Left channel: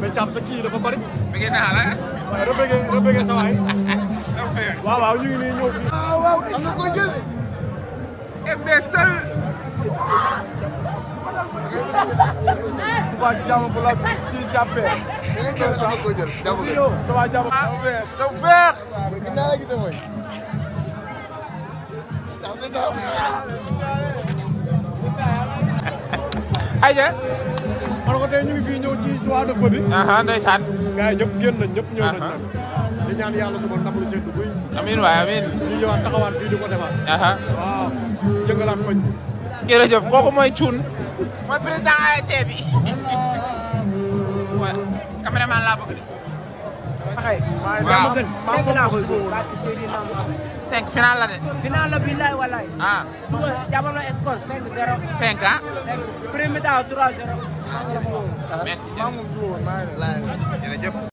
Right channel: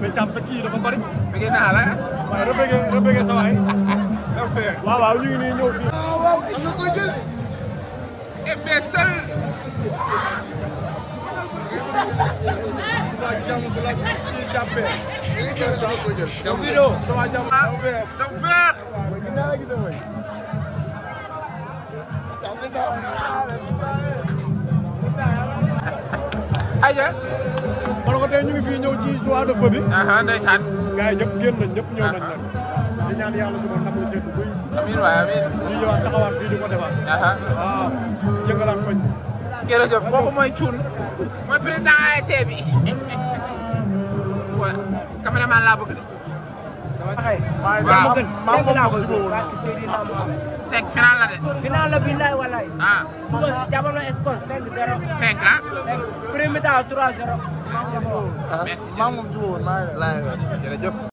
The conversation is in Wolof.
Becam seki dafa bari. Bëgg naa la. Waaye rëbbëgee sa waay. Waaw waaw ñu ngi nii ñëw fii. Waaw ko jël. Imbécile. Waa jàmm bu la kii jàppee. Daw feex. Aja. Man ko tey ñu ngi fii ñëw ci soir de feu bi. Ndeysaan. Gars yi ñëpp génn nañ ñëpp ñëw nañ nag. di ñaan yàlla suba ndam lu seetlu buy. Amiin waay amiin. ñu ñëwaat taxawaat fii di ko defaat. waaw jëngalaat koñ. Jërëjëf kooku mooy Thioune. mooy président ASC bi. waaw caméraman laa bëgg de. Akay. waaw 5 laa koy dóor. barke Seydina Mohamed. 5 final la de. final la billahi wallahi. suba jàppal na score 5-0. 5 ah. 5 premier temps 3-0. Merci. Jërëjëf.